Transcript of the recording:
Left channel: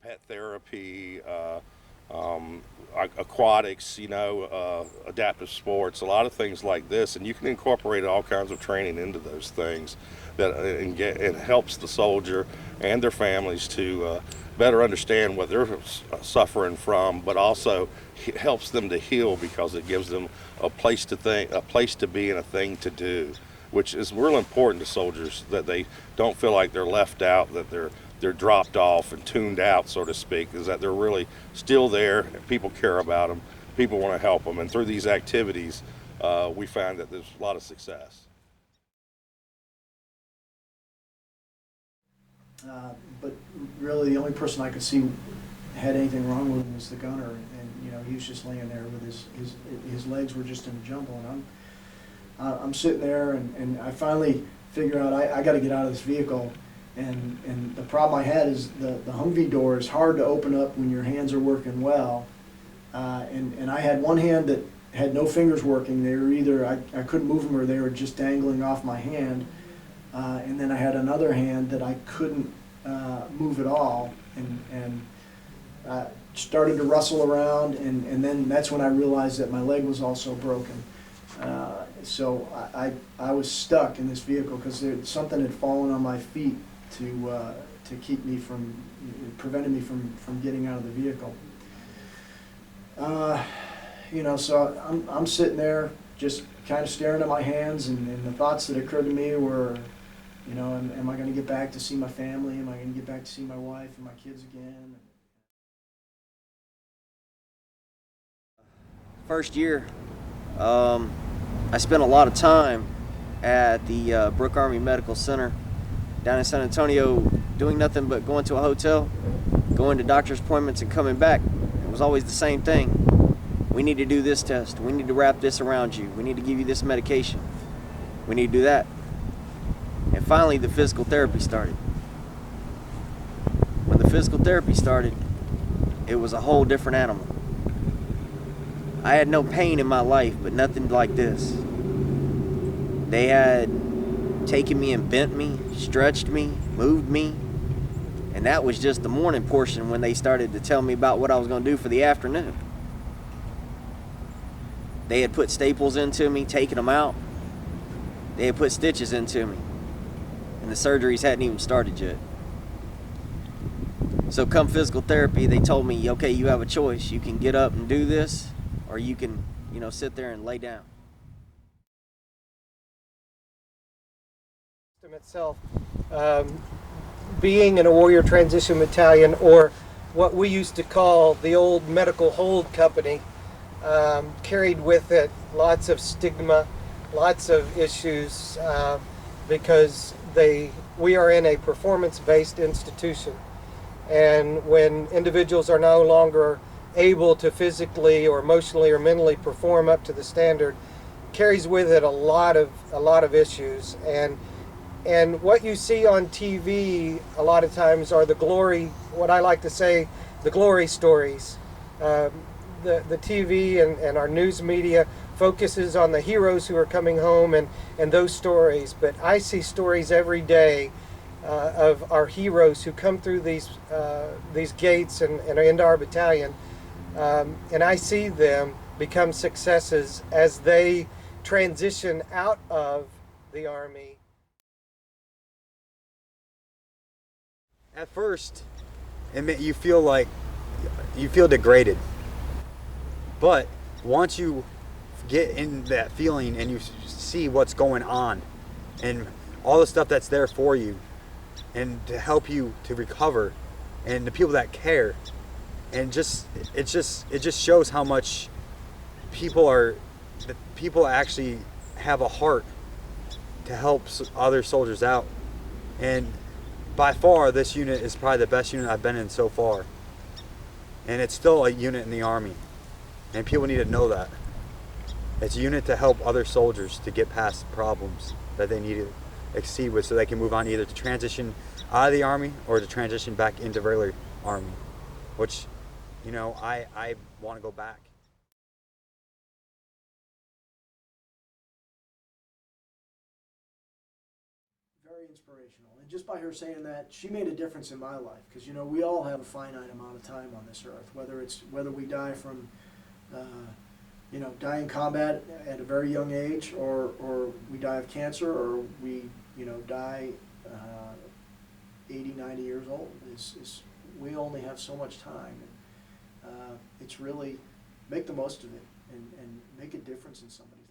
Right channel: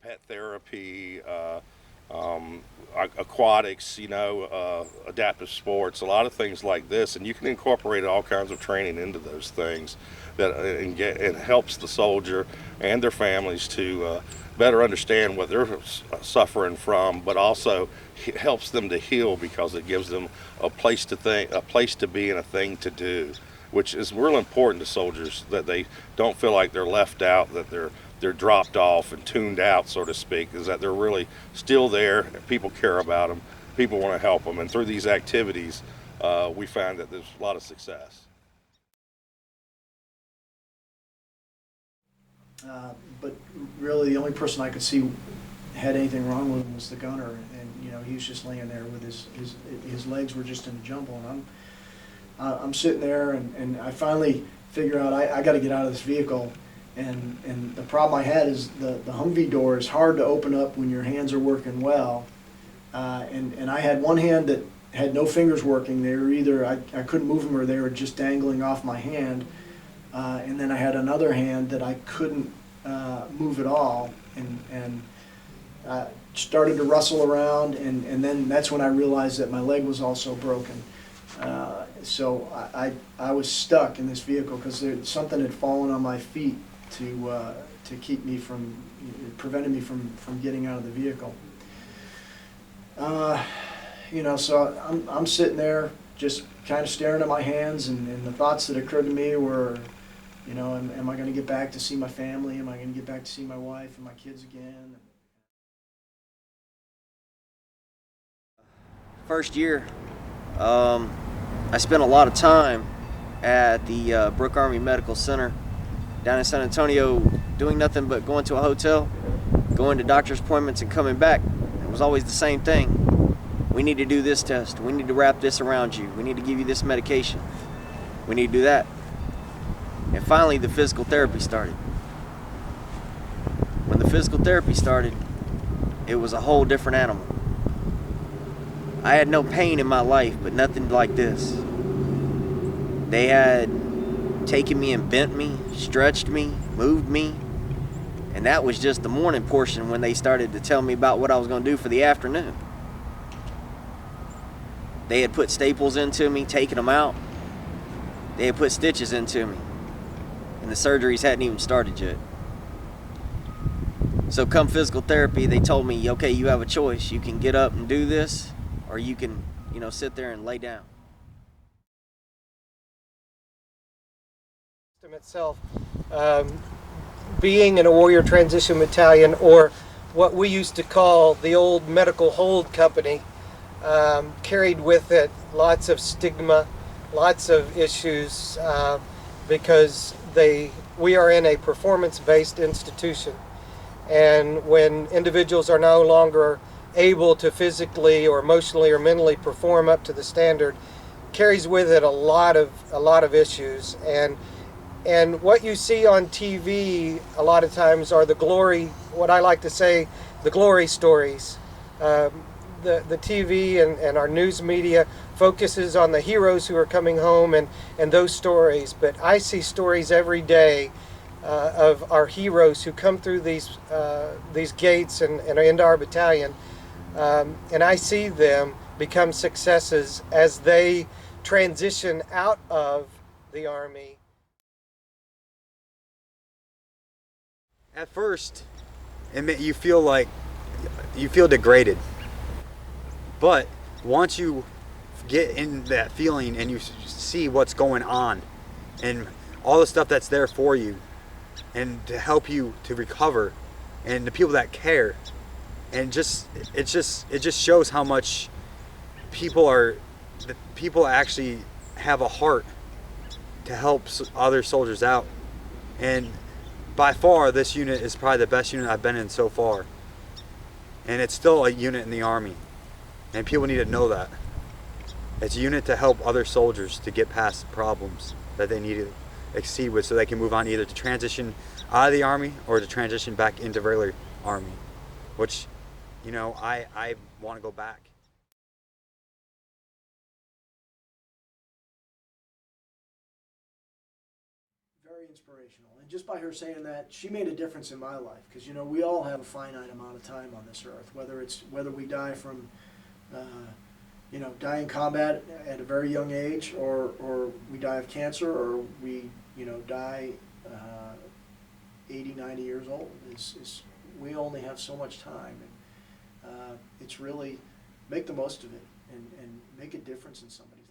pet therapy, aquatics, adaptive sports, a lot of things like this, and you can incorporate all kinds of training into those things that and get it helps the soldier and their families to better understand what they're suffering from, but also helps them to heal because it gives them a place to think, a place to be, and a thing to do, which is real important to soldiers, that they don't feel like they're left out, that they're dropped off and tuned out, so to speak, is that they're really still there and people care about them, people want to help them, and through these activities, we find that there's a lot of success. But really, the only person I could see had anything wrong with him was the gunner, and he was just laying there with his legs were just in a jumble, and I'm sitting there, and I finally figure out I got to get out of this vehicle, and the problem I had is the Humvee door is hard to open up when your hands are working well, and I had one hand that had no fingers working. They were either I couldn't move them or they were just dangling off my hand. And then I had another hand that I couldn't move at all, and started to rustle around, and then that's when I realized that my leg was also broken. So I was stuck in this vehicle because something had fallen on my feet to keep me from, prevented me from getting out of the vehicle. So I'm sitting there just kind of staring at my hands, and the thoughts that occurred to me were, am I going to get back to see my family? Am I going to get back to see my wife and my kids again? First year, I spent a lot of time at the Brooke Army Medical Center down in San Antonio, doing nothing but going to a hotel, going to doctor's appointments, and coming back. It was always the same thing. We need to do this test. We need to wrap this around you. We need to give you this medication. We need to do that. And finally, the physical therapy started. When the physical therapy started, it was a whole different animal. I had no pain in my life, but nothing like this. They had taken me and bent me, stretched me, moved me, and that was just the morning portion when they started to tell me about what I was going to do for the afternoon. They had put staples into me, taken them out. They had put stitches into me, and the surgeries hadn't even started yet. So come physical therapy, they told me, okay, you have a choice. You can get up and do this, or you can, sit there and lay down. Itself, being in a Warrior Transition Battalion, or what we used to call the old Medical Hold Company, carried with it lots of stigma, lots of issues, because we are in a performance-based institution, and when individuals are no longer able to physically or emotionally or mentally perform up to the standard, carries with it a lot of issues. And what you see on TV a lot of times are what I like to say, the glory stories. The TV and our news media focuses on the heroes who are coming home and those stories, but I see stories every day of our heroes who come through these gates and are into our battalion, and I see them become successes as they transition out of the Army. At first, you feel degraded, but once you get in that feeling and you see what's going on and all the stuff that's there for you and to help you to recover, and the people that care, and it just shows how much people actually have a heart to help other soldiers out. And by far, this unit is probably the best unit I've been in so far. And it's still a unit in the Army. And people need to know that. It's a unit to help other soldiers to get past problems that they need to exceed with, so they can move on either to transition out of the Army or to transition back into regular Army. Which, I want to go back. Very inspirational, and just by her saying that, she made a difference in my life. Because, you know, we all have a finite amount of time on this earth, whether we die from, you know, die in combat at a very young age, or we die of cancer, or we, you know, die 80, 90 years old. We only have so much time, and it's really make the most of it and make a difference in somebody's